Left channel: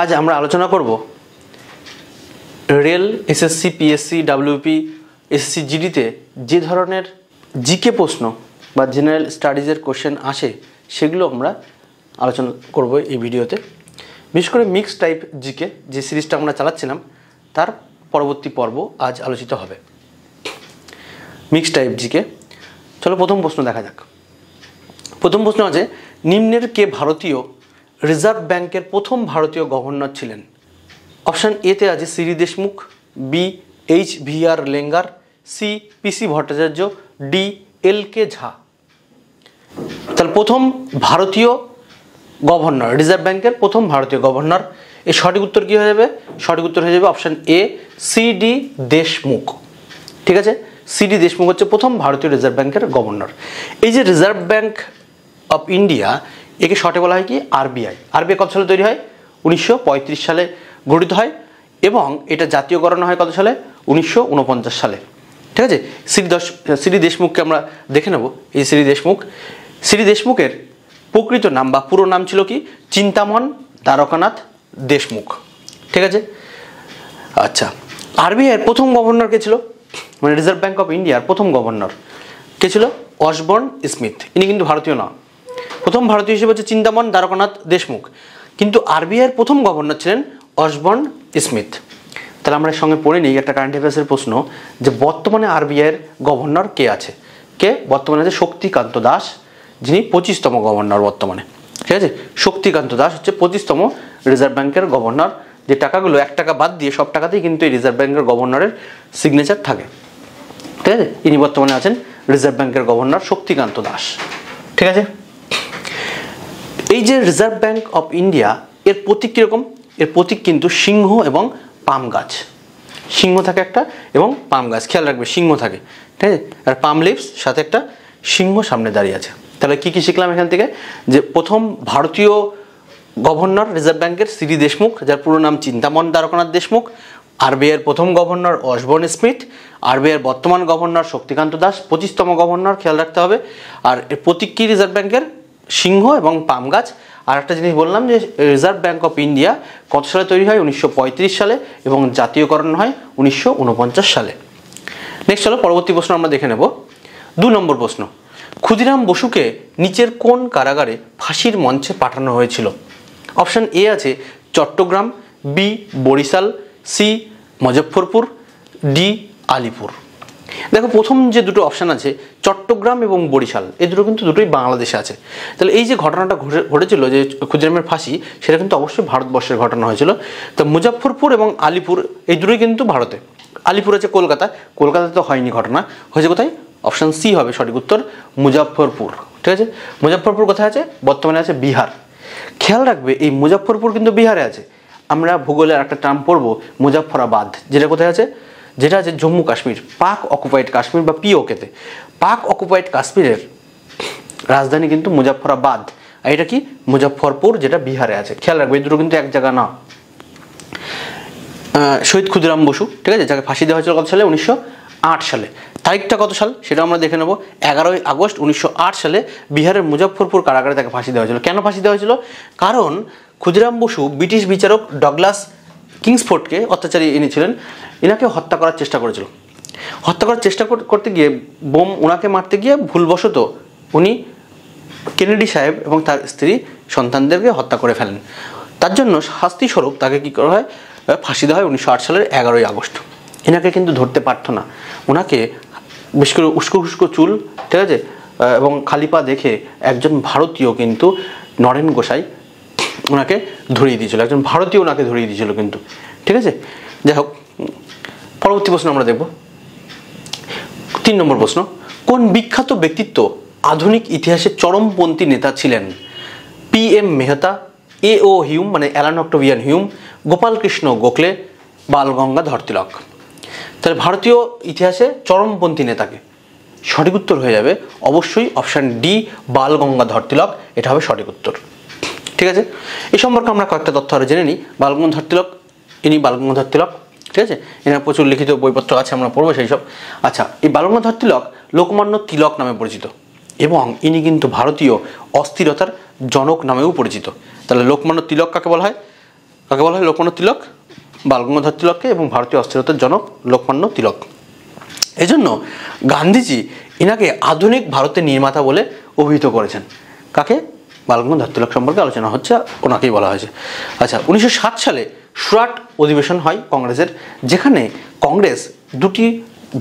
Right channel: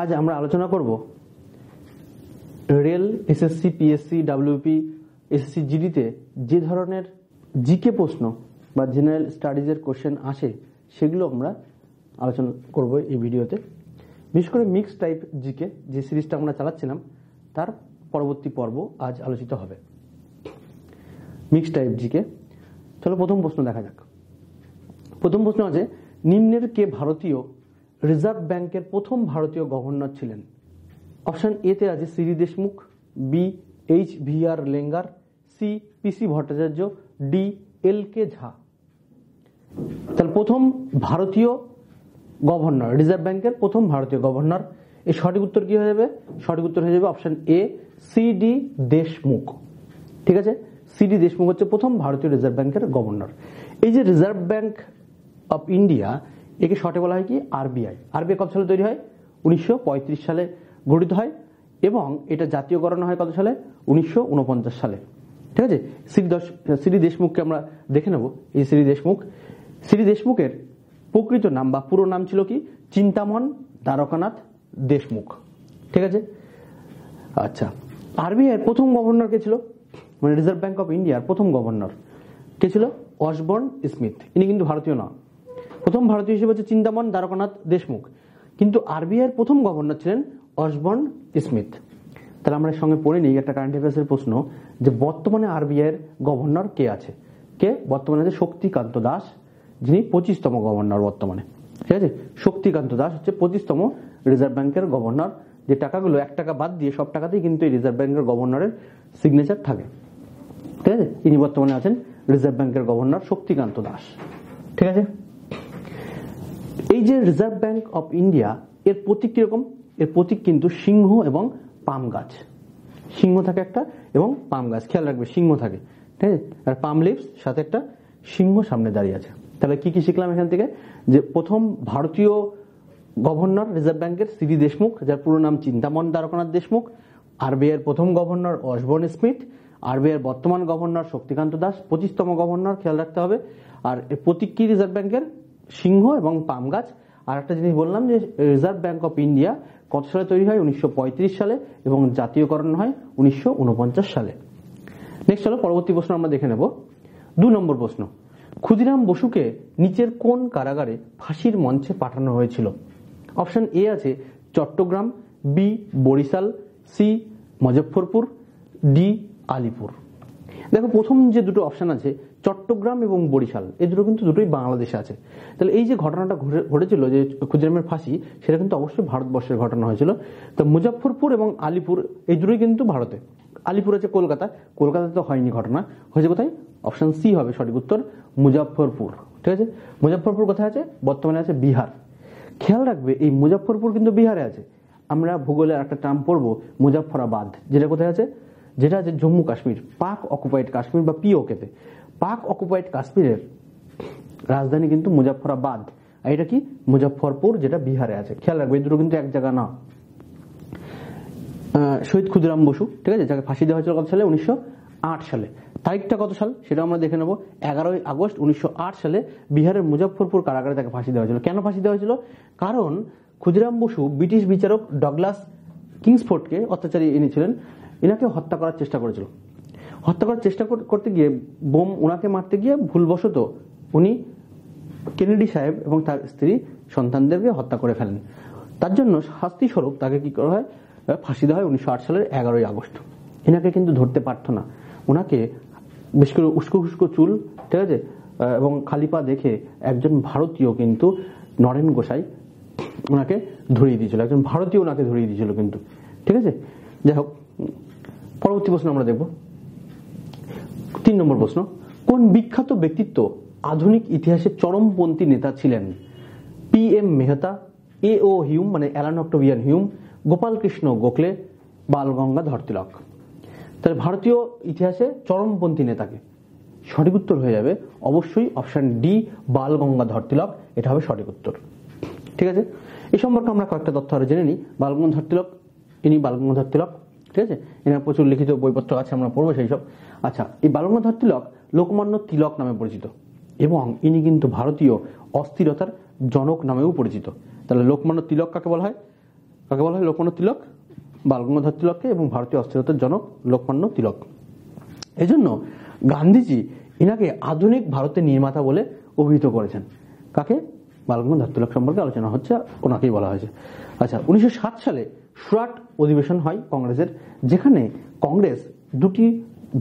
আজ আমরা আলোচনা করব rail, SSC, PSC, WP, SSC জিডিতে যে ধরনের জিকে প্রশ্ন বা জেনারেল স্টাডিজের কোশ্চেন আসে সেগুলো আমরা আলোচনা করব এই ভিডিওতে। বিশেষ করে মিক্স টাইপ জিকে যে সিরিজটা আমরা চালাচ্ছিলাম তার পরবর্তী পর্ব আজ আলোচিত হবে। মিক্স টাইপ জিকে, চলো প্রথম প্রশ্ন দেখা যাক। প্রথম প্রশ্ন আছে, নিম্নের কে ভারতীয় রিজার্ভ ব্যাংকের প্রথম ভারতীয় গভর্নর ছিলেন? অপশান এতে আছে সিরি Deshmukh, B H V R. Iyengar, C P C. Bhattacharya, D L K. Jha. তাহলে প্রথম ভারতীয় গভর্নর, রিজার্ভ ব্যাংকের প্রথম ভারতীয় গভর্নর, এর সঠিক উত্তর কী হয়ে যাবে? সঠিক উত্তর হয়ে যাবে অপশান এ সি.ডি. দেশমুখ। ঠিক আছে, সি.ডি. দেশমুখ হচ্ছে প্রথম ভারতীয় রিজার্ভ ব্যাংকের গভর্নর। এই যে রিজার্ভ ব্যাংক অফ ইন্ডিয়া, একে শর্টে বলা হয় কি আরবিআই। আরবিআই কত সালে তৈরি হয়? 1935 সালে গঠিত হয় এবং এটা জাতীয়করণ হয় কত সালে? 1949 সালে। ঠিক আছে, সিরি দেশমুখকে আমরা দেখে নেব। এই সিরি দেশমুখের প্রকৃত নাম বা পুরো নাম ছিল কি? চিন্তামন দ্বারকানাথ দেশমুখ। ঠিক আছে, আচ্ছা, আরবিআইয়ের প্রথম গভর্নর কে ছিল? মানে রিজার্ভ ব্যাংক অফ ইন্ডিয়ার প্রথম গভর্নর কে ছিল? Osborne Smith. ইনি কিন্তু ভারতীয় না, প্রথম ভারতীয় হিসেবে হচ্ছে চিন্তামন দ্বারকানাথ দেশমুখ, কিন্তু আরবিআইয়ের প্রথম গভর্নর ছিলেন অসবর্ন স্মিথ। তাহলে আমরা এর সঙ্গে পড়ে নিই একটা কারেন্ট অ্যাফেয়ার্সের প্রশ্ন, যে বর্তমানে আরবিআইয়ের গভর্নর কে আছে? কে বর্তমানে আছে? শক্তিকান্ত দাস, যিনি 25তম গভর্নর বর্তমানে। ঠিক আছে, শক্তিকান্ত দাস হচ্ছে 25তম রিজার্ভ ব্যাংকের গভর্নর। যে টাকাগুলো 1 টাকা বাদ দিয়ে সব টাকাতেই কিন্তু এই রিজার্ভ ব্যাংকের গভর্নরের সিগনেচার থাকে। ঠিক আছে, ইনি বর্তমানে আছেন রিজার্ভ ব্যাংকের গভর্নর শক্তিকান্ত দাস। ঠিক আছে, এই যে রিজার্ভ ব্যাংক অফ ইন্ডিয়া, এর প্রতীক কীরকম? এর প্রতীক কিন্তু সিংহ এবং পাম গাছ। সিংহ থাকে একটা এবং পাম গাছ, খেয়াল রাখবে সিংহ থাকে। ঠিক আছে, আর পাম লিভস সাথে একটা সিংহ সামনে দাঁড়িয়ে আছে। তাহলে কি কি শিখলাম এখান থেকে? যে প্রথম ভারতীয় গভর্নর রিজার্ভ ব্যাংকের সিরি দেশমুখ, যার পুরো নাম চিন্তামন দ্বারকানাথ দেশমুখ। আরবিআইয়ের প্রথম গভর্নর অসবর্ন স্মিথ। আরবিআইয়ের বর্তমান গভর্নর শক্তিকান্ত দাস, 25তম গভর্নর, খেয়াল রাখতে হবে। আর এর প্রতীক কি রিজার্ভ ব্যাংকের? সিংহ এবং পাম গাছ। আর একটা জিনিস বললাম যে রিজার্ভ ব্যাংক অফ ইন্ডিয়া কত সালে তৈরি হয়? 1935 সালে এবং জাতীয়করণ হয় 1949 সালে। নেক্সট চলো পরবর্তী প্রশ্ন আমরা দেখে নেব। 2 নম্বর প্রশ্ন, ক্ষুদিরাম বসুকে নিচের কোন কারাগারে ফাঁসির মঞ্চে পাঠানো হয়েছিল? অপশান এ আছে Chittagong, B Barisal, C Muzaffarpur, D Alipur. দেখো প্রথম যে দুটো অপশান আছে চট্টগ্রাম এবং বরিশাল, এই দুটো কিন্তু দুটোই বাংলাদেশে আছে। তাহলে এই যে ঘটনাটা ঘটেছিল যে ক্ষুদিরামের ফাঁসি, সেটা কিন্তু অবশ্যই ভারতবর্ষের ঘটনা হয়েছিল। তো মুজফ্ফরপুর এবং আলিপুর এই দুটোই কিন্তু ভারতে। আলিপুর আছে কলকাতাতে তো হয়নি ঘটনা, হয়েছে কোথায়? অপশান সি হবে সঠিক উত্তর, মুজফ্ফরপুর। ঠিক আছে, মুজফ্ফরপুর কোথায় আছে? বর্তমানে আছে বিহার। খেয়াল রাখবে এই মুজফ্ফরপুর কিন্তু বিহারে আছে। আমরা ভূগোলের একটা টার্ম পড়বো মুজফ্ফরাবাদ, যেটা কোথায় আছে? যেটা আছে জম্মু কাশ্মীর, পাক অকুপাইড কাশ্মীর বা পিওকেতে। পাক অকুপাইড কাশ্মীরের রাজধানী কিন্তু মুজফ্ফরাবাদ, আর এটা কি? মুজফ্ফরপুর, যেটা বিহারে আছে। খেয়াল রাখবে এই দুটো কিন্তু এক জায়গা না। শহীদ ক্ষুদিরাম বসু, ঠিক আছে, যাকে ফাঁসি দেওয়া হয়েছিল কত সালে? 1908 সালে। তারিখটা কত সাল সেটা আমরা দেখে নেব। 11ই আগস্ট 1908 সালে বিহারের মুজফ্ফরপুর কারাগারে তাকে ফাঁসি দেওয়া হয়েছিল। কেন ফাঁসি দেওয়া হয়েছিল? কারণ ক্ষুদিরাম বসু ব্রিটিশ বিচারক ডগলাস কিংসফোর্ডকে অত্যাচারী এনেছিলেন, এনাকে হত্যা করার চেষ্টা করেছিল। হত্যা করার চেষ্টা করতে গিয়ে ওনাকে মারতে গিয়ে ভুলবশত উনি কেনেডি সাহেব এবং তার স্ত্রী সন্তানদেরকে হত্যা করে ফেলেন। তার জন্য শাস্তিস্বরূপ তাকে কী করা হয়? ফাঁসি দেওয়া হয় 1908 সালের 11ই আগস্ট। এনাকে কিন্তু ধরতে পারতো না, ওনাকে বেশ করে উস্কো চুল, ঠিক আছে, এবং খালি পা দেখে একজন ভারতীয় কিন্তু নরেন গোসাই ওনাকে ধরিয়ে দিয়েছিল, একজন ভারতীয় ওনাকে ধরিয়ে দিয়েছিল কিন্তু। ঠিক আছে, যাই হোক পরবর্তী প্রশ্ন আমরা দেখব। 3 নম্বর প্রশ্ন, কোন বিখ্যাত ব্যক্তিত্ব আধুনিক ইতিহাসের চরমপন্থী নেতা ছিলেন? পি.এম. মেহতা, এ.ও. হিউম মানে Allan Octavian Hume, Gopalkrishna Gokhale, Balgangadhar Tilak. তাহলে ভারতীয় ইতিহাসে চরমপন্থী নেতাকে, সঠিক উত্তর হয়ে যাবে অবশ্যই অপশান ডি বালগঙ্গাধর তিলক, এটা হবে সঠিক উত্তর। ঠিক আছে, এই সম্পর্কে আমরা কয়েকটা তথ্য আরও জেনে নিই। বালগঙ্গাধর তিলক, ইনি বালগঙ্গাধর তিলক, ঠিক আছে, এনার প্রচুর লিখিত বইপত্র আছে, আমরা পড়বো সেই সব। আচ্ছা, এই বালগঙ্গাধর তিলক লোকমান্য তিলক নামে পরিচিত এবং ইনি কিন্তু ভারতীয় অস্থিরতার জনক নামেও পরিচিত। তাহলে লোকমান্য তিলক কাকে বলা হয়? লোকমান্য তিলক, বালগঙ্গাধর তিলককে, এবং ভারতীয় অস্থিরতার জনক লোকমান্য তিলক। এজন্য গান্ধীজি এনাকে আধুনিক ভারতের নির্মাতা বলে অভিহিত করেছেন। কাকে? বালগঙ্গাধর তিলক সম্পর্কে আলোচনা হচ্ছে, ওনাকেই বলা হয়েছে। আচ্ছা, 1907 সালে সুরাট অধিবেশন হয় কংগ্রেসের, যেখানে কংগ্রেস দুটি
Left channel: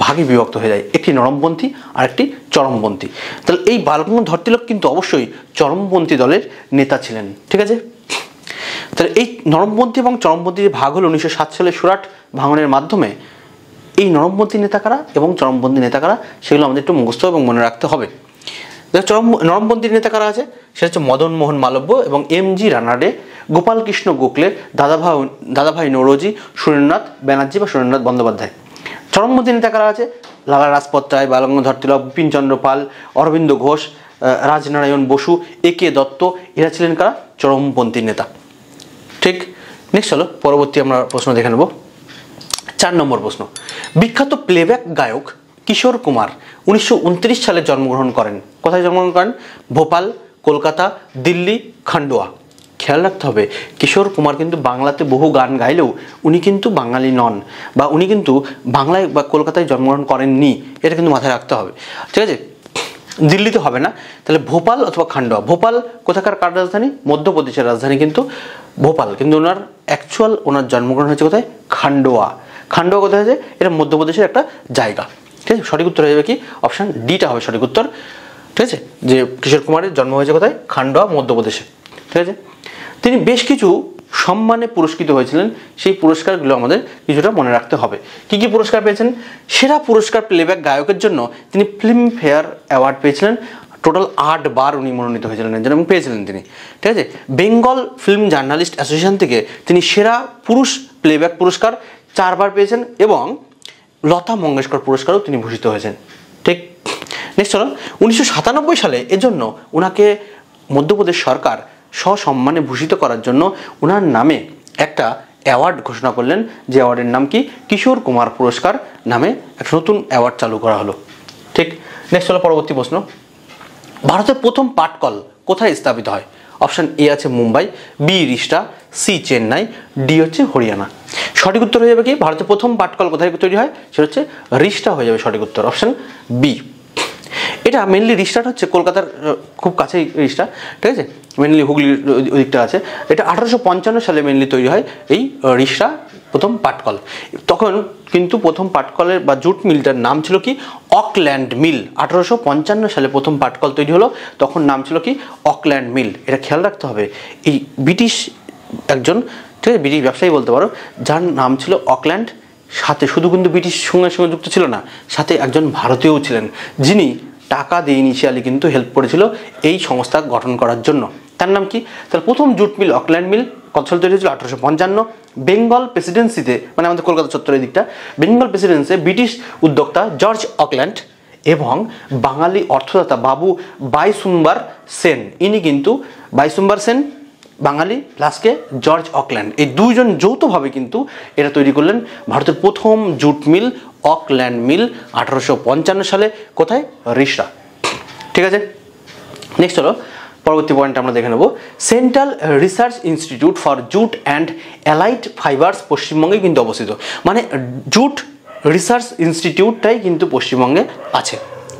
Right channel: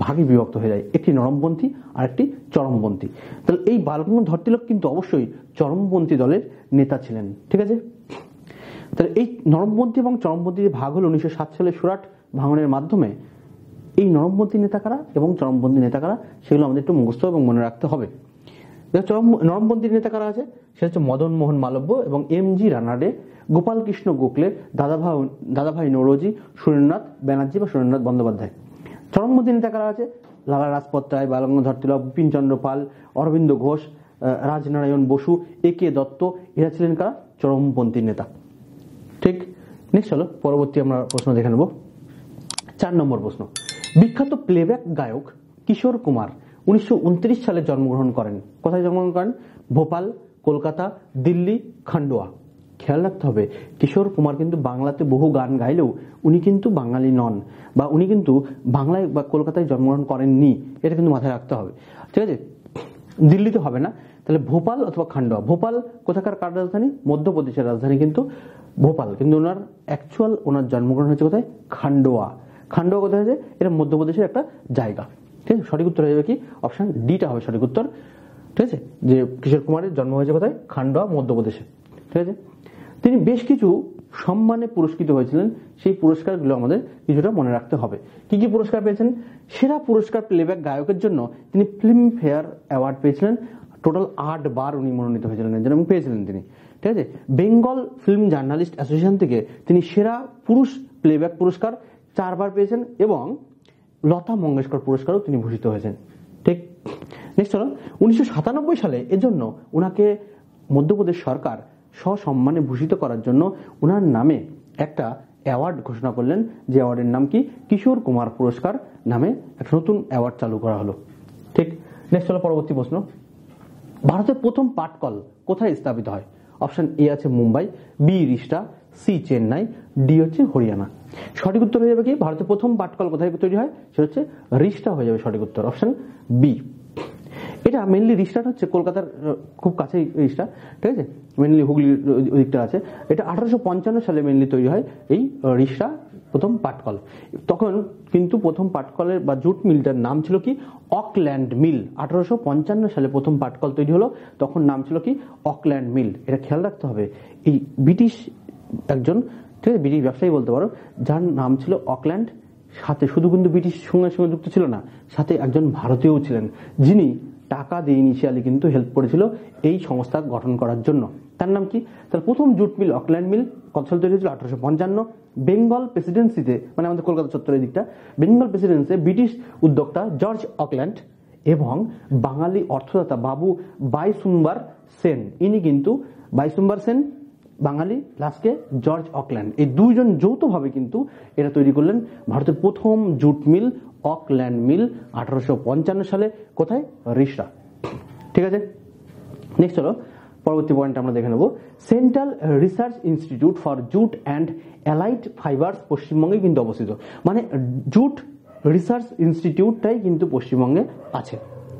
ভাগে বিভক্ত হয়ে যায়, একটি নরমপন্থী আর একটি চরমপন্থী। তাহলে এই বালগঙ্গাধর তিলক কিন্তু অবশ্যই চরমপন্থী দলের নেতা ছিলেন। ঠিক আছে, তাহলে এই নরমপন্থী এবং চরমপন্থী যে ভাগ হলো 1907 সালে সুরাট ভাঙনের মাধ্যমে, এই নরমপন্থী নেতা কারা এবং চরমপন্থী নেতা কারা সেগুলো আমাদের একটু মুখস্থ এবং মনে রাখতে হবে। নরমপন্থী নেতা কারা আছে? সেটা হচ্ছে মদন মোহন মালব্য এবং এম.জি. রানাডে, গোপাল কৃষ্ণ গোখলে, দাদাভাই নৌরোজি, সুরেন্দ্রনাথ ব্যানার্জি বা সুরেন্দ্রনাথ বন্দ্যোপাধ্যায়। চরমপন্থী নেতা কারা আছে? লালা রাজপত রায়, বালগঙ্গাধর তিলক, বিপিনচন্দ্র পাল, অরবিন্দ ঘোষ, রাজনারায়ণ বসু, এ.কে. দত্ত, এরা ছিলেন কারা? চরমপন্থী নেতা। ঠিক, নেক্সট চলো পরবর্তী আমরা প্রশ্ন দেখে নেব। 4 নম্বর প্রশ্ন, বিখ্যাত প্লেব্যাক গায়ক কিশোর কুমার 1929 সালে জন্মগ্রহণ করেন। কোথায় জন্মগ্রহণ করেন? ভোপাল, কলকাতা, দিল্লি, খান্ডোয়া। খেয়াল রাখতে হবে, কিশোর কুমার কিন্তু বাংলাতে বহু গান গাইলেও উনি কিন্তু বাঙালি নন, বা উনি কিন্তু বাংলায় বা কলকাতায় জন্মগ্রহণ করেননি, এটা কিন্তু মাথায় রাখতে হবে। ঠিক আছে, দিল্লিতে হবে না, তাহলে ভোপাল অথবা খান্ডোয়া। ভোপাল কোথাকার কার রাজধানী? মধ্যপ্রদেশের রাজধানী কিন্তু ভোপাল, কিন্তু ওনার জন্মগ্রহণ হয়েছে কোথায়? খান্ডোয়া। খান্ডোয়া কোথায় আছে? এটা মধ্যপ্রদেশের একটা জায়গা। ঠিক আছে, সঠিক উত্তর হয়ে যাবে কি? অপশান ডিটা হবে সঠিক উত্তর। ঠিক আছে, যে কিশোর কুমারের জন্ম হয়েছে কোথায়? খান্ডোয়া, মধ্যপ্রদেশে। ঠিক আছে, তিনি বেশ কিছু সম্মানে পুরস্কৃত হয়েছিলেন, সেই পুরস্কারগুলো আমাদের কিছুটা মনে রাখতে হবে। কি কি পুরস্কার পেয়েছেন? সেরা পুরস্কার প্লেব্যাক গায়কের জন্য তিনি ফিল্মফেয়ার অ্যাওয়ার্ড পেয়েছিলেন, টোটাল 8 বার উনি মনোনীত হয়েছিলেন এবং পেয়েছিলেন তিনি। ঠিক আছে, বেঙ্গল ফিল্ম জার্নালিস্ট অ্যাসোসিয়েশন থেকে তিনি সেরা পুরুষ প্লেব্যাক পুরস্কার 4 বার পেয়েছেন, এবং লতা মঙ্গেশকর পুরস্কারও তিনি ভূষিত হয়েছেন। ঠিক, নেক্সট চলো, 1997 সালে এজন্য ওনাকে মধ্যপ্রদেশ সরকার সসম্মানে ভূষিত করার জন্য ওনার নামে একটা অ্যাওয়ার্ড ঘোষণা করলেন, যে অ্যাওয়ার্ডের নাম কি? কিশোর কুমার পুরস্কার নামে একটা নতুন অ্যাওয়ার্ড চালু করা হলো। ঠিক, নেক্সট হলো পরবর্তী প্রশ্ন, ভারতের প্রথম পাটকল কোথায় স্থাপিত হয়? অপশান এ আছে মুম্বাই, বি রিষ্টা, সি চেন্নাই, ডি হচ্ছে হরিয়ানা। সঠিক উত্তর হয়ে যাবে কি? ভারতের প্রথম পাটকল কোথায় তৈরি হয়? সেটা হচ্ছে রিষ্টা হয়ে যাবে সঠিক উত্তর, অপশান বি। এটা মেনলি রিষ্টাটা হচ্ছে কলকাতার খুব কাছেই রিষ্টা। ঠিক আছে, মেনলি হুগলির ওদিকটা আছে। এটা 1855 সালে মেনলি তৈরি হয় এই রিষ্টা প্রথম পাটকল। তখন কিন্তু প্রথম পাটকলের বা জুট মিলটার নাম ছিল কি? অকল্যান্ড মিল। 1855 সালে প্রথম পাটকল তৈরি হলো, তখন নাম ছিল কি? অকল্যান্ড মিল। এটা খেয়াল রাখতে হবে, এই ব্রিটিশ একজন, ঠিক আছে, ব্রিটিশ ব্যবসায়ী বলতে পারো, যার নাম ছিল অকল্যান্ড, সাথে শুধু কিন্তু ব্রিটিশ সঙ্গে যুক্ত ছিল না, সাথে একজন ভারতীয়ও ছিলেন, যিনি টাকা দিয়ে ইনিশিয়ালি কিন্তু হেল্প করেছিল এই সংস্থা গঠন করার জন্য। তার নাম কি? তাহলে প্রথম জুট মিল অকল্যান্ড মিল কত সালে তৈরি হয়েছিল? 1855। বেঙ্গল প্রেসিডেন্সিতে, মানে আমাদের কলকাতা চত্বরের দিকটা, বেঙ্গল প্রেসিডেন্সিতে ব্রিটিশ উদ্যোক্তা জর্জ অকল্যান্ড এবং বাঙালি অর্থদাতা বাবু বাইসুম্বার সেন, ইনি কিন্তু বাইসুম্বার সেন বাঙালি প্লাসকে জর্জ অকল্যান্ড, এই দুইজন যৌথভাবে কিন্তু এটা তৈরি করলেন ভারতের প্রথম জুট মিল অকল্যান্ড মিল 1855 সালে। কোথায়? রিষ্টা। ঠিক আছে, নেক্সট হলো পরবর্তী পয়েন্ট আমরা দেখে নেব, central research institute for jute and allied fibres পশ্চিমবঙ্গে কিন্তু অবস্থিত, মানে জুট রিসার্চ ইনস্টিটিউটটাই কিন্তু পশ্চিমবঙ্গে আছে।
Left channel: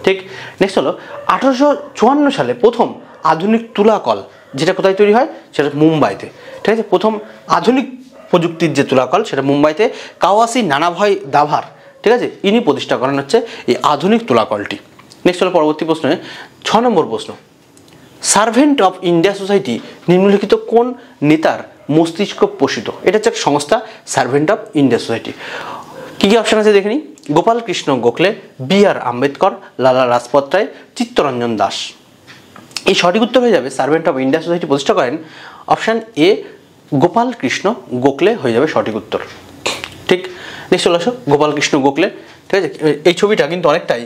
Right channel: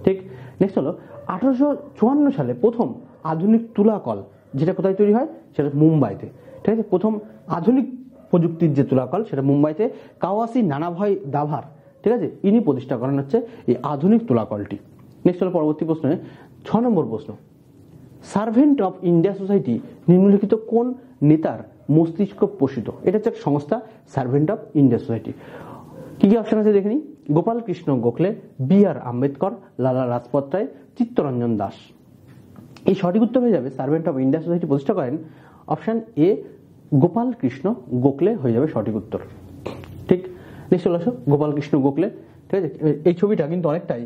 ঠিক, নেক্সট হলো 1854 সালে প্রথম আধুনিক তুলাকল, যেটা কোথায় তৈরি হয়? সেটা মুম্বাইতে। ঠিক আছে, প্রথম আধুনিক প্রযুক্তির যে তুলাকল সেটা মুম্বাইতে কাওয়াসি নানাভাই দাভার, ঠিক আছে, ইনি প্রতিষ্ঠা করেন হচ্ছে এই আধুনিক তুলাকলটি। নেক্সট হলো পরবর্তী প্রশ্নে 6 নম্বর প্রশ্ন, সার্ভেন্ট অফ ইন্ডিয়া সোসাইটি নিম্নলিখিত কোন নেতার মস্তিষ্ক পোষিত? এটা হচ্ছে সংস্থা সার্ভেন্ট অফ ইন্ডিয়া সোসাইটি। কী কী অপশান আছে দেখে নিই। গোপাল কৃষ্ণ গোখলে, বি.আর. আম্বেদকর, লালা রাজপত রায়, চিত্তরঞ্জন দাস। এই সঠিক উত্তর হয়ে যাবে সার্ভেন্ট অফ ইন্ডিয়া সোসাইটি প্রতিষ্ঠা করেন অপশান এ গোপাল কৃষ্ণ গোখলে হয়ে যাবে সঠিক উত্তর। ঠিক, নেক্সট চলে আসো গোপাল কৃষ্ণ গোখলে। ঠিক আছে, এই ছবিটা কিন্তু অনেকটাই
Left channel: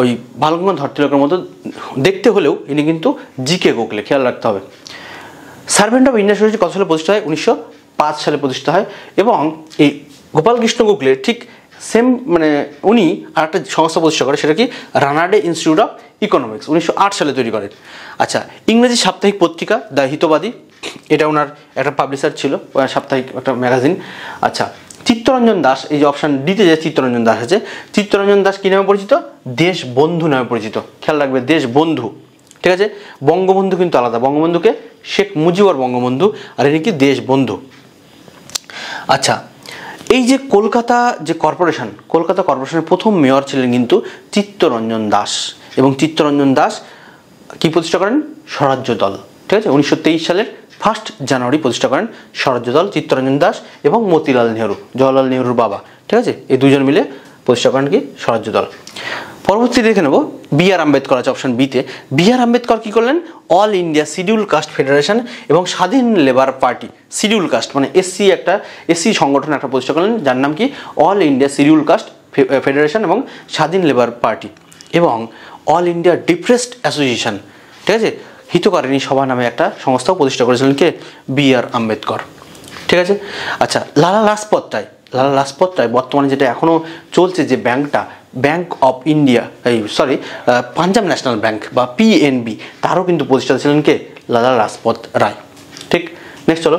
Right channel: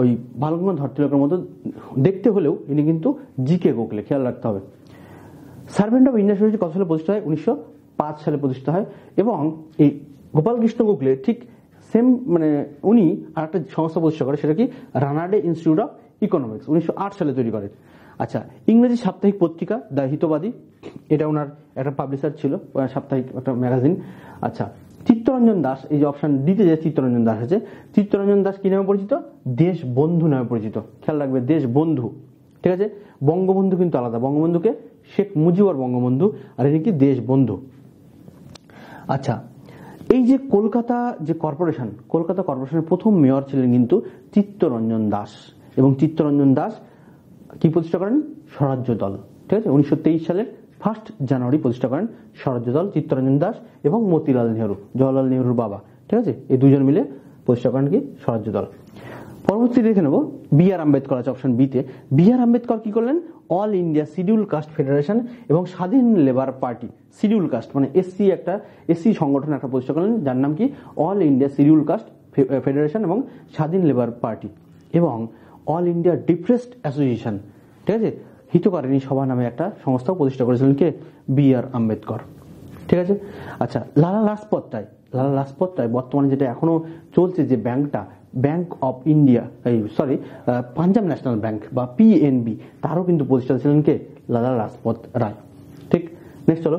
ওই বালগঙ্গাধর তিলকের মতো দেখতে হলেও ইনি কিন্তু জি.কে. গোখলে, খেয়াল রাখতে হবে। সার্ভেন্ট অফ ইন্ডিয়া সোসাইটি কত সালে প্রতিষ্ঠা হয়? 1905 সালে প্রতিষ্ঠা হয়, এবং এই গোপাল কৃষ্ণ গোখলে ঠিক সেম মানে উনি আর একটা সংস্থা প্রতিষ্ঠা করে, সেটা কি রানাডে ইনস্টিটিউট অফ ইকোনমিক্স, 1908 সালে তৈরি করেন। আচ্ছা, ইংরেজি সাপ্তাহিক পত্রিকা দ্য হিতবাদী, এটা ওনার একটা পাবলিশার ছিল, সাপ্তাহিক একটা ম্যাগাজিন। আচ্ছা, চিত্তরঞ্জন দাস, এই যে অপশান ডিতে যে চিত্তরঞ্জন দাস আছে, চিত্তরঞ্জন দাস কী নামে পরিচিত? দেশবন্ধু নামে পরিচিত। খেয়াল রাখবে, দেশবন্ধু, ঠিক আছে। বঙ্গবন্ধু কিন্তু আলাদা, বঙ্গবন্ধুকে শেখ মুজিবুর বঙ্গবন্ধু, আর ইনি কি দেশবন্ধু। আচ্ছা, এই যে কলকাতা কর্পোরেশনের প্রথম মেয়র ছিলেন কিন্তু চিত্তরঞ্জন দাস, এবং চিত্তরঞ্জন দাস কি প্রতিষ্ঠা করেন? স্বরাজ্য দল, ঠিক আছে। 1923 সালের 1 জানুয়ারি প্রতিষ্ঠা করেন স্বরাজ্য দল, চিত্তরঞ্জন দাস এবং মতিলাল নেহরু, জওয়াহরলাল নেহরুর বাবা, ঠিক আছে। এই দুজন মিলে প্রতিষ্ঠা করেন কি? স্বরাজ্য দল। পরবর্তী দেখে নেব বি.আর. আম্বেদকর আছে অপশন বিতে। বি.আর. আম্বেদকর কী করলেন? All India scheduled caste federation এবং স্বাধীন লেবার পার্টি, শিডিউল কাস্ট মানে এসসি সংগঠন একটা প্রতিষ্ঠা করলেন, যার নাম কি? All India scheduled caste federation এবং স্বাধীন লেবার পার্টি, এবং অল ইন্ডিয়া ডিপ্রেসড অ্যাসোসিয়েশন, ঠিক আছে, হিতকারিণী সভা নামে একটা সংস্থাও প্রতিষ্ঠা করেছিলেন কে? বি.আর. আম্বেদকর, ঠিক আছে। আচ্ছা, লালা লাজপত রায় বর্তমানে যেটা এখনও চলছে যে ব্যাংকটা, bank of India, Punjab national bank বা পিএনবি, তারও কিন্তু প্রতিষ্ঠাতা ছিলেন কে? লালা লাজপত রায়, ঠিক। নেক্সট চলো,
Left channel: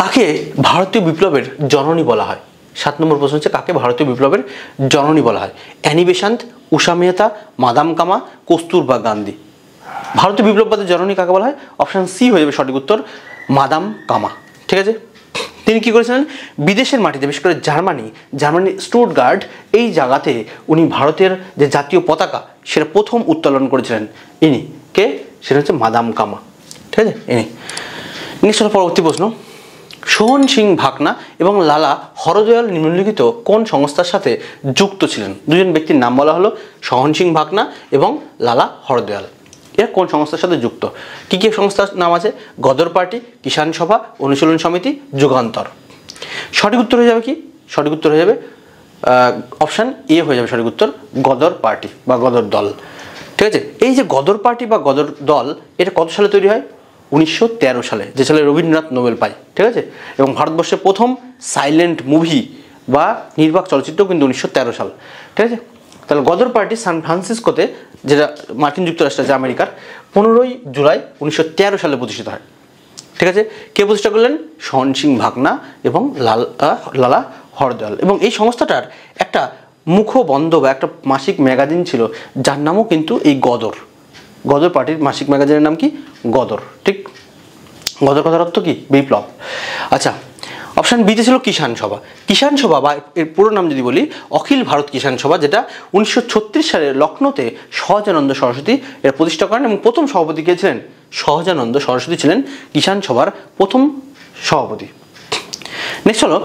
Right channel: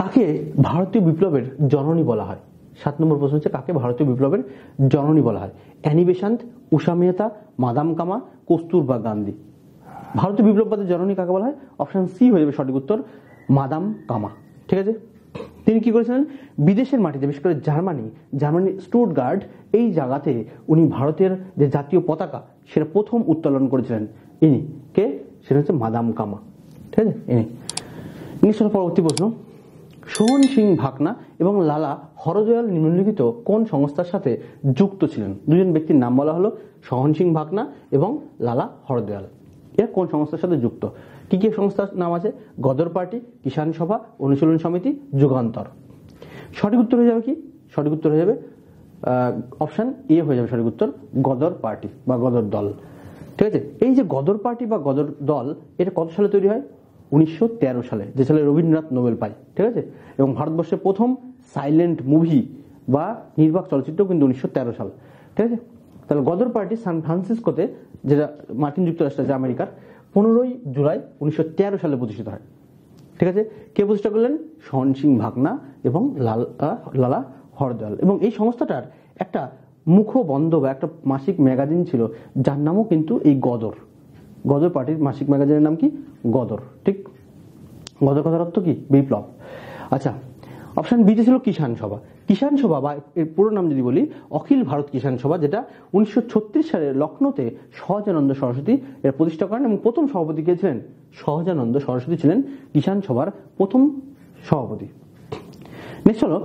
কাকে ভারতীয় বিপ্লবের জননী বলা হয়? 7 নম্বর প্রশ্ন হচ্ছে কাকে ভারতীয় বিপ্লবের জননী বলা হয়? অ্যানি বেসান্ত, উষা মেহতা, মাদাম কামা, কস্তুরবা গান্ধী। ভারতীয় বিপ্লববাদের জননী কাকে বলা হয়? অপশান সি হয়ে যাবে সঠিক উত্তর, মাদাম কামা, ঠিক আছে। তিনি কী করেছিলেন? বিদেশের মাটিতে, বিশেষ করে জার্মানি স্টুটগার্ট, এই জায়গাতে উনি ভারতের যে জাতীয় পতাকা সেটা প্রথম উত্তোলন করেছিলেন। ইনি কে? সেটা হচ্ছে মাদাম কামা, ঠিক আছে, ইনি। নেক্সট হলো পরবর্তী প্রশ্ন, সোহন সিং ভাকনা এবং লালা হরদয়াল নিম্নলিখিত কোন সংস্থার সাথে যুক্ত ছিলেন? দুজন ব্যক্তির নাম বলা হলো, সোহন সিং ভাকনা এবং লালা হরদয়াল। এরা কোন সংস্থার সাথে যুক্ত? কী কী সংস্থার নাম আছে? গদর পার্টি, কিষাণ সভা, অনুশীলন সমিতি, যুগান্তর। সঠিক উত্তর হয়ে যাবে কি? সঠিক উত্তর হয়ে যাবে অপশান এ হয়ে যাবে সঠিক উত্তর, গদর পার্টি বা গদর দল, ঠিক আছে। এই যে গদর পার্টি বা গদর দল, এটা কত সালে তৈরি হয়? 1913 সালে, যে সালে রবীন্দ্রনাথ নোবেল পায়, ঠিক আছে। এবং ভারতবর্ষের প্রথম সাইলেন্ট মুভি বা নির্বাক চলচ্চিত্র কিন্তু 1913 সাল, ঠিক আছে। তাহলে গদর পার্টি সান ফ্রান্সিসকোতে, যেটা মার্কিন যুক্তরাষ্ট্র আছে আমেরিকার, 15 জুলাই 1913 সালে প্রতিষ্ঠিত হয়, ঠিক আছে। কে প্রতিষ্ঠা করলেন? সোহন সিং ভাকনা এবং লালা হরদয়াল। এবং এই সংস্থাটার একটা মুখবন্ধ বা একটা মাসিক ম্যাগাজিন ছিল, যার নামও কিন্তু এই গদর পার্টির মাসিক ম্যাগাজিনের নাম কি? গদর, ঠিক। গদর কথার অর্থ কি? বিপ্লব। আচ্ছা, অপশান বিতে ছিল কিষাণ সভা বা এর পুরো নাম যদি বলি, অখিল ভারত কিষাণ সভা, যেটা 1936 সালে লখনৌতে সহজানন্দ সরস্বতী এর প্রতিষ্ঠা করেন, এবং প্রথম সভাপতি কে ছিলেন? সহজানন্দ সরস্বতী ছিলেন কিষাণ সভার প্রথম সভাপতি। নেক্সট হলো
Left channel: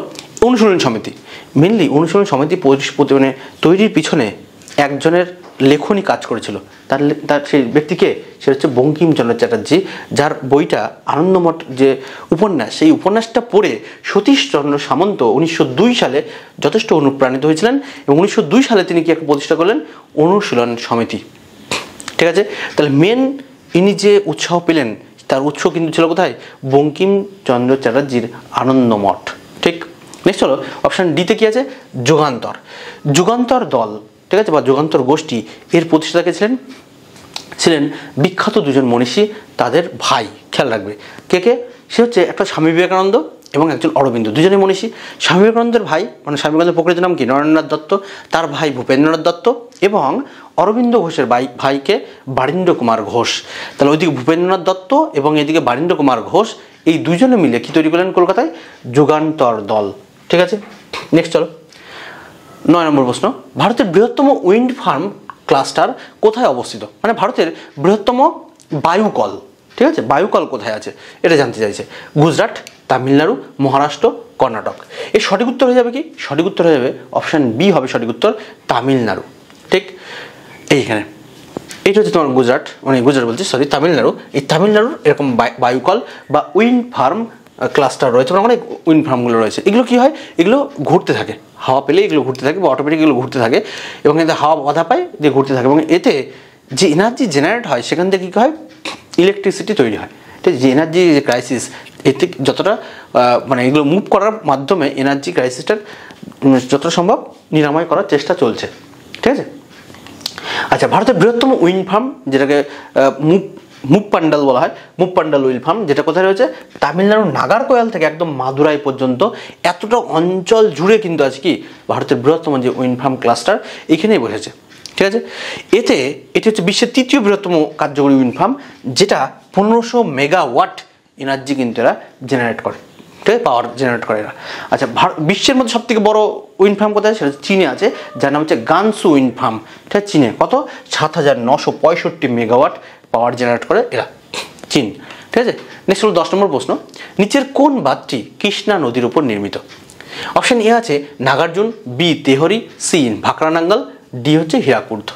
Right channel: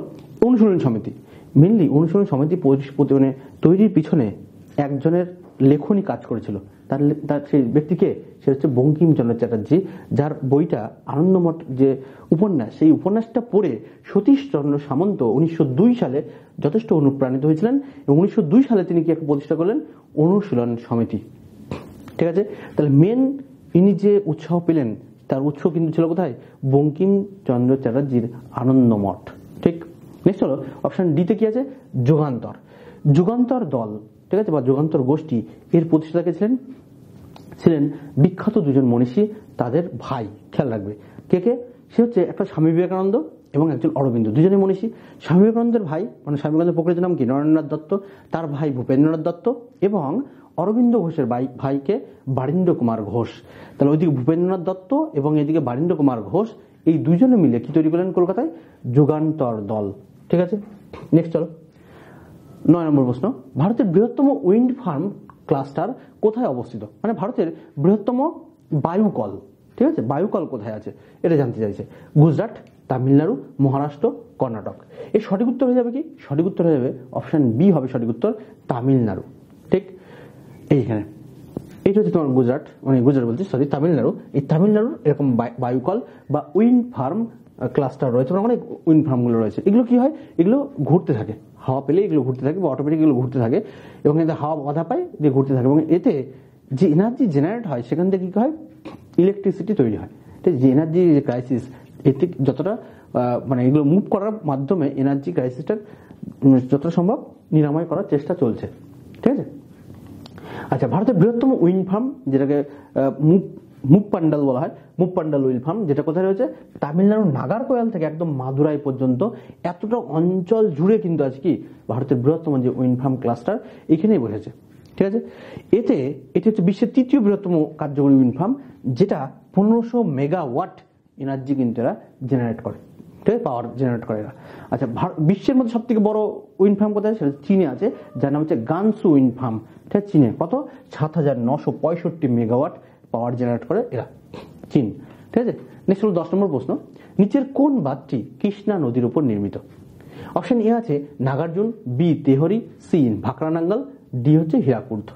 অনুশীলন সমিতি। মেনলি অনুশীলন সমিতি মানে তৈরির পিছনে একজনের লেখনী কাজ করেছিল, তার সেই ব্যক্তিকে, সে হচ্ছে বঙ্কিমচন্দ্র চ্যাটার্জি, যার বইটা আনন্দমঠ যে উপন্যাস, সেই উপন্যাসটা পড়ে সতীশচন্দ্র সামন্ত 1902 সালে যথেষ্ট অনুপ্রাণিত হয়েছিলেন, এবং 1902 সালে তিনি কি একটা প্রতিষ্ঠা করলেন? অনুশীলন সমিতি, ঠিক আছে। তাহলে মেন ইনি যে উৎসাহ পেলেন, তার উৎস কিন্তু ছিল কোথায়? বঙ্কিমচন্দ্র চ্যাটার্জির আনন্দমঠ, ঠিক। নেক্সট হলো অপশান ডিতে কি আছে? যুগান্তর দল, ঠিক আছে, বা যুগান্তর গোষ্ঠী, এর প্রতিষ্ঠাতা ছিলেন বিখ্যাত দুজন মনীষী, তাদের ভাই। খেয়াল রাখবে কে? সে হচ্ছে একটা স্বামী বিবেকানন্দ এবং একজন অরবিন্দ, দুজনেই মনীষী। স্বামী বিবেকানন্দের ভাই মানে স্বামী বিবেকানন্দের প্রকৃত নাম কি? নরেন্দ্রনাথ দত্ত, তার ভাই ভূপেন্দ্রনাথ দত্ত, এবং অরবিন্দ ঘোষের ভাইকে বারীন্দ্র কুমার ঘোষ। তাহলে ওইদিকে ভূপেন্দ্রনাথ দত্ত এবং এদিকে বারীন্দ্র কুমার ঘোষ, এই দুজনে মিলে কি তৈরি করলেন কলকাতায়? যুগান্তর দল, ঠিক আছে। নেক্সট চলো 9 নম্বর প্রশ্ন, ভারতের বৃহত্তম উইন্ড ফার্ম ক্লাস্টার কোথায় অবস্থিত? মানে ভারতের বৃহত্তম বায়ুকল, ঠিক আছে, বায়ুকল কোথায় আছে এটা জানতে চাইছে। গুজরাট, তামিলনাড়ু, মহারাষ্ট্র, কর্ণাটক। এর সঠিক উত্তর হয়ে যাবে কি? সঠিক উত্তর হয়ে যাবে অপশান বি হবে সঠিক উত্তর, তামিলনাড়ু, ঠিক। এইখানে এইটা হচ্ছে তোমার গুজরাট বলছি, তামিলনাড়ু। এই তামিলনাড়ুর এরকম বায়ুকল বা উইন্ড ফার্ম ক্লাস্টার রয়েছে, মানে অনেক উইন্ড ফার্মগুলো রয়েছে। এগুলো কি হয়? এগুলো ঘুরতে থাকে, হাওয়া পেলে এগুলো ঘুরতে থাকে বা অটোমেটিক এগুলো ঘুরতে থাকে, এবং এতে হাওয়া বাধা পায় দিয়ে ঘুরতে থাকে, এবং এতে যে এনার্জি জেনারেট হয় সেখান থেকে কী হয়? ইলেকট্রিসিটি তৈরি হয়, ঠিক। যে এনার্জি যে ক্রাইসিস এতে যতটা মানে এগুলো মুভ করার মাধ্যমে এনার্জি ক্রাইসিসটার যতটা সম্ভব নিরাময় করার চেষ্টা চলছে, ঠিক আছে। আচ্ছা, ভারতের বৃহত্তম উইন্ড ফার্ম যেটাকে মুপ্পান্ডাল বলা হয়, মুপ্পান্ডাল উইন্ড ফার্ম, যেটা কোথায় রয়েছে? তামিলনাড়ুর নাগারকোয়েল থেকে একদম মাদুরাই পর্যন্ত এতটা অঞ্চল জুড়ে কিন্তু আছে কি ভারতের বৃহত্তম যে উইন্ড ফার্ম ক্লাস্টার এখানেই বসেছে, ঠিক আছে। এটি হচ্ছে বিশ্বের তৃতীয় বৃহত্তম কার্যকরী উইন্ড ফার্ম, যেটা 1500 মেগাওয়াট এনার্জি কিন্তু এরা জেনারেট করে, ঠিক আছে, পাওয়ার জেনারেট করে এরা। আচ্ছা, বিশ্বের মধ্যে সবথেকে বড় উইন্ড ফার্ম কোথায়? সেটা চীনে আছে, যার নাম হচ্ছে গানসু উইন্ড ফার্ম, ঠিক আছে। চীনে কত? 7965 মেগাওয়াট পাওয়ার জেনারেট করে এরা, চীন, ঠিক আছে। নেক্সট হলো 10 নম্বর প্রশ্ন, নিচের কোন বাঁধটি কৃষ্ণা নদীর উপর নির্মিত? অপশন এ আছে Nagarjuna, B tehari, C ভাকরানাঙ্গল, D হচ্ছে হীরাকুদ,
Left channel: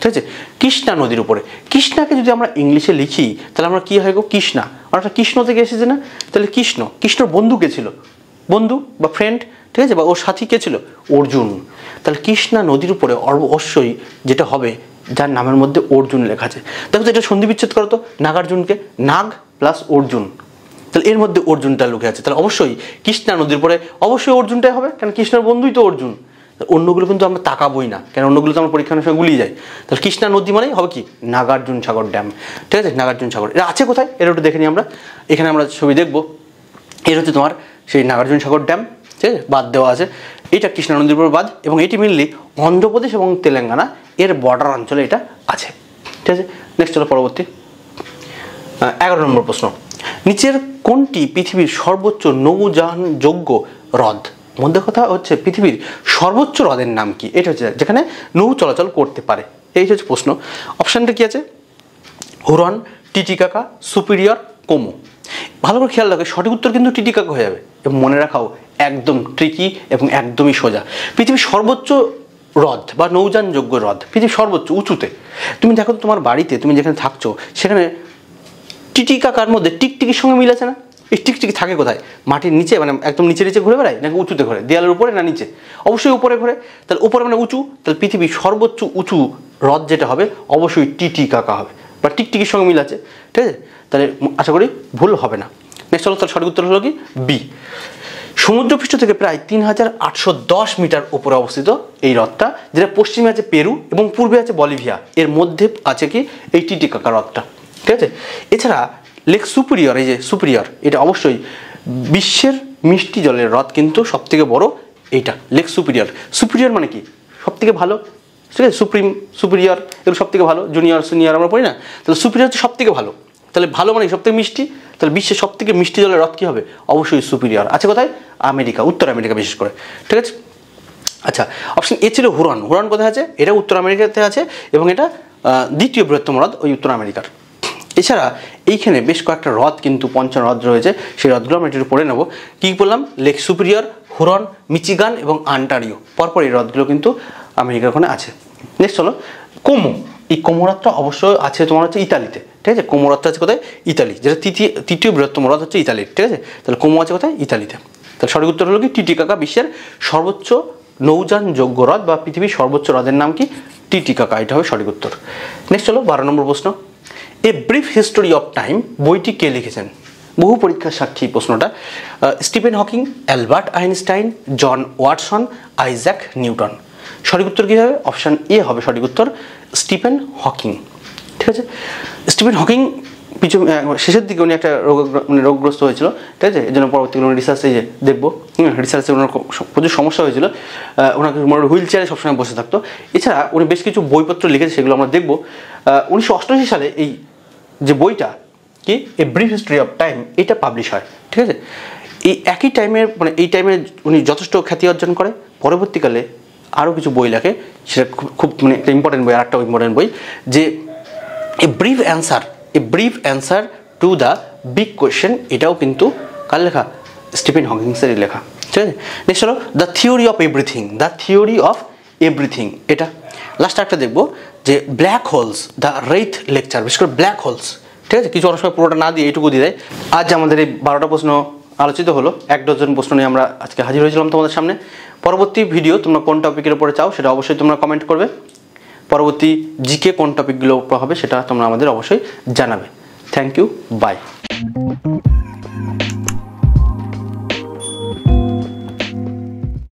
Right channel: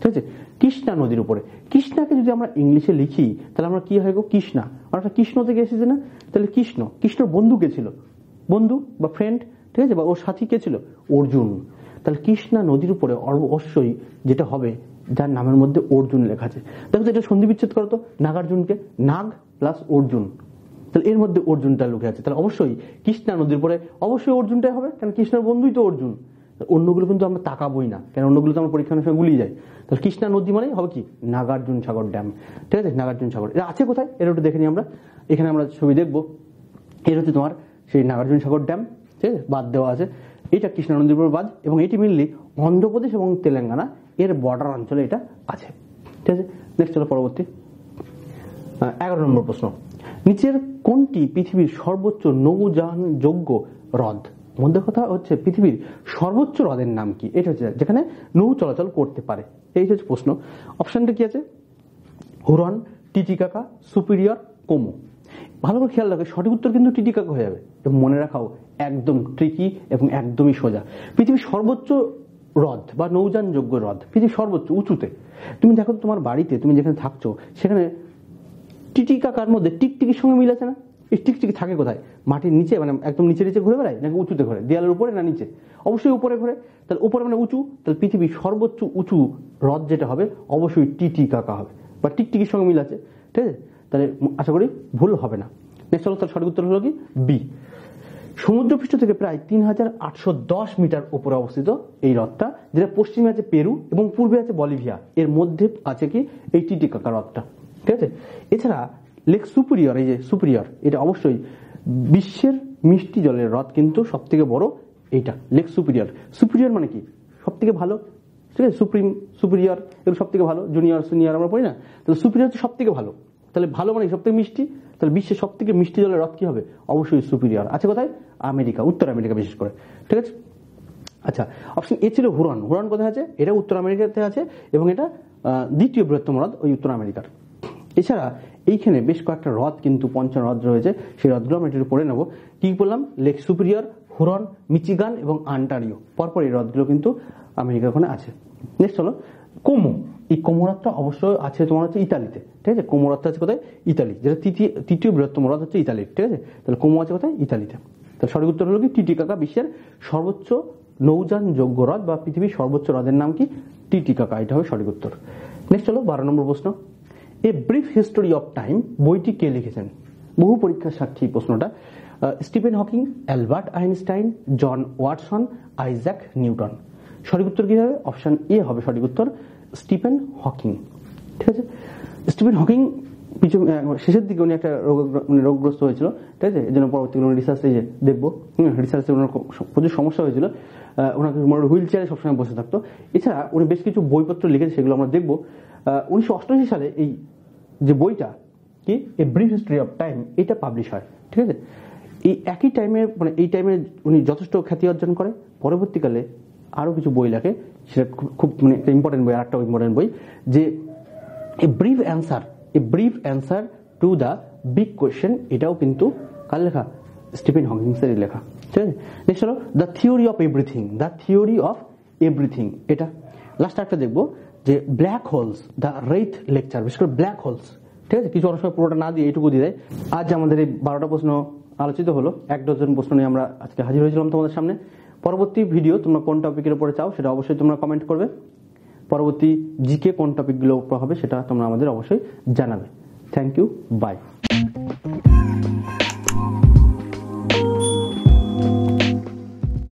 ঠিক আছে। কৃষ্ণা নদীর উপরে, কৃষ্ণাকে যদি আমরা ইংলিশে লিখি তাহলে আমরা কি হয় গো? কৃষ্ণা, অর্থাৎ কৃষ্ণ থেকে এসেছে না? তাহলে কৃষ্ণর বন্ধু কে ছিল? বন্ধু বা ফ্রেন্ড, ঠিক আছে, বা ওর সাথী কে ছিল? অর্জুন। তাহলে কৃষ্ণা নদীর উপরে অবশ্যই যেটা হবে, যার নামের মধ্যে অর্জুন লেখা আছে। দেখো তো এটা সন্ধি বিচ্ছেদ করো তো, নাগার্জুনকে, নাগ প্লাস অর্জুন, তাহলে এর মধ্যে অর্জুনটা লুকে আছে, তাহলে অবশ্যই কৃষ্ণা নদীর পরে অবশ্যই অর্জুনটাই হবে, কারণ কৃষ্ণের বন্ধুই তো অর্জুন। অন্যগুলো কিন্তু আমরা তাকাবোই না, কারণ অন্যগুলো তো আমরা পরীক্ষার সময় গুলিয়ে যাই। তাহলে কৃষ্ণা নদী মানেই হবে কি নাগার্জুন সাগর ড্যাম, ঠিক আছে, নাগার্জুন সাগর। এটা আছে কোথায়? এটা একটু দেখে নিই আমরা, এখানে আমরা ছবি দেখবো। এর হচ্ছে তোমার সেই নাগার্জুন সাগর ড্যাম, ঠিক আছে, বাঁধ দেওয়া আছে। এটা কৃষ্ণা নদীর উপর বাঁধ, এবং এটি মেনলি অন্ধ্রপ্রদেশ এবং তেলেঙ্গানা এর বর্ডার অঞ্চলে এটা আছে, ঠিক আছে। নেক্সট হলো পরবর্তী 11 নম্বর প্রশ্ন, নিচের কোনটি পৃথিবীর সর্বোচ্চ নৌযানযোগ্য হ্রদ? মধ্যে কথা হচ্ছে পৃথিবীর সর্বোচ্চ হ্রদের নাম কি? এটা হচ্ছে যেখানে নৌ চলাচল করতে পারে, এই হচ্ছে প্রশ্ন। অপশানটা কি আছে? হুরন, টিটিকাকা, সুপিরিয়র, কোমো। ভালো করে খেয়াল রাখো, সঠিক উত্তর কিন্তু টিটিকাকা হয়ে যাবে, এবং মনে রাখাও একদম ট্রিকি এবং একদমই সোজা। পৃথিবীর সর্বোচ্চ হ্রদ বা নৌযানযোগ্য হ্রদ, পৃথিবীর সর্বোচ্চ উঁচুতে। তুমি দেখো তোমার বাড়িতে তুমি যেখানে থাকছো সেখানে টিটিকাকার মধ্যে টিকটিকির সঙ্গে মিল আছে না? এই টিকটিকি থাকে কোথায়? মাটির নিচে, মানে একদম নিচে নিচে ঘুরে বেড়ায়, নাকি উঁচুতে ঘোরে? দেয়ালের উপরে না নিচে? অবশ্যই উপরে ঘোরে। তাহলে উপরে মানে উঁচু, তাহলে পৃথিবীর সর্বোচ্চ উঁচু হ্রদ যেটা হবে অবশ্যই টিটিকাকা হবে, বা টিকটিকির সঙ্গে মিল আছে, ঠিক আছে। তাহলে আশা করি ভুল হবে না। নেক্সট হলো, তাহলে সঠিক উত্তর হলো কি বি। সমুদ্রপৃষ্ঠ থেকে প্রায় 3810 মিটার উপরে অবস্থিত এই হ্রদটা, যেটা পশ্চিমে আছে পেরু এবং পূর্বে আছে বলিভিয়া, এর মধ্যে আছে কি এই টিটিকাকা হ্রদটা, ঠিক আছে। এছাড়া লেক সুপিরিয়র, এই যে সুপিরিয়র, এটা অবশ্যই বিশ্বের মিষ্টি জলের হ্রদ কিন্তু সবথেকে বড় এইটা, লেক সুপিরিয়র। সুপিরিয়র মানে কি? সবথেকে ভালো, ঠিক আছে। সুপ্রিম, সুপিরিয়র, এগুলো সবথেকে ভালো। জুনিয়র, সিনিয়র আমরা পড়ি না? তাহলে সুপিরিয়র হচ্ছে সবথেকে ভালো, তাহলে ভালো মানে সবথেকে মিষ্টি, তাহলে বিশ্বের সবথেকে মিষ্টি জলের হ্রদ কী হবে? অবশ্যই সুপিরিয়র। আছে কোথায়? আমেরিকা, উত্তর আমেরিকা বিশেষ করে, ঠিক আছে। আচ্ছা, অপশন এ ছিল হুরন। হুরন কোথায় আছে? এটা উত্তর আমেরিকাতে আছে, এবং এটা দ্বিতীয় বৃহত্তম হ্রদ ওই উত্তর আমেরিকার। এছাড়া এইখানে বেশ কয়েকটা হ্রদ কিন্তু পঞ্চম হ্রদ রয়েছে, সেই হ্রদগুলো আমরা একটু পড়ে নেব। কী বললাম? লেক সুপিরিয়র, হুরন, মিচিগান এবং অন্টারিও, পরপর এই হ্রদগুলো কিন্তু আমেরিকার ওখানে আছে। নেক্সট হলো কোমো। এই কোমো হ্রদটা অবশ্যই আছে তোমার হচ্ছে ইতালিতে, ঠিক আছে। কোমো হ্রদটা আছে কোথায়? ইতালি, যেটা তৃতীয় বৃহত্তম হ্রদ হচ্ছে ইতালির, ঠিক আছে। তাহলে কোমো আছে কোথায়? ইতালিতে। তাহলে সঠিক উত্তর হলো কি টিটিকাকা, বিশ্বের সর্বোচ্চ নৌযানযোগ্য হ্রদ বা পৃথিবীর সর্বোচ্চ হ্রদের নাম কি? টিটিকাকা, এটা হবে সঠিক উত্তর। নেক্সট হলো 12 নম্বর প্রশ্ন, a brief history of time বইটি কে লিখেছেন? বহু পরীক্ষার সাক্ষী প্রশ্নটা। স্টিফেন হকিং, অ্যালবার্ট আইনস্টাইন, জন ওয়াটসন, আইজ্যাক নিউটন। সঠিক উত্তর কী হবে? অপশান এ হবে সঠিক উত্তর, স্টিফেন হকিং, ঠিক আছে। স্টিফেন হকিং শেষের দিকে উনি একটা রোগগ্রস্ত হয়েছিল, ঠিক আছে। এই জন্য পরবর্তীকালে উনি রিসার্চে যে দেখবো, রিসার্চে ওনার প্রচুর সমস্যা হয়েছিল, ওনাকে হুইল চেয়ারে সবসময় বসে থাকতো। এছাড়া উনি বেশ কিছু বইপত্র লিখেছে, সেগুলো আমরা দেখবো। 1988 সালে এই যে বইটা কি, a brief history of time, এটা পাবলিশ হয়, ঠিক আছে। এই একই টাইমের মানে এই টাইমে উনি যথেষ্ট খ্যাতি অর্জন করে। পরবর্তীকালে আরও কিছু বই লেখে, সেটা খুব মানে একটা ইম্পর্টেন্ট বই, আর একটা ইম্পর্টেন্ট বই, যে a brief answer to the big question, এটাও কিন্তু কার লেখা? স্টিফেন হকিংসেরই লেখা, ঠিক আছে। নেক্সট হলো দ্য থিওরি অফ এভরিথিং, এটা লাস্ট একটা দেখবো যে ব্ল্যাক হোলস, দ্য রেইথ লেকচার, বিশেষ করে ব্ল্যাক হোলস, ঠিক আছে। কিছু অনেক সময় পুরোটা না দিয়ে এইটুকু দিয়ে দেয়। আজ আমাদের এই 12টা প্রশ্ন আলোচিত হলো, 1 ডজন প্রশ্ন নিয়ে আমরা আজকে হাজির হয়েছিলাম তোমাদের সামনে। পরবর্তী ভিডিও তোমরা কোন টপিকের উপরে চাও সেটা অবশ্যই তোমরা কমেন্ট করবে। পরবর্তী জিকে কোন টপিকগুলো হবে সেটা তোমরা আমাদের অবশ্যই জানাবে। Thank you, by.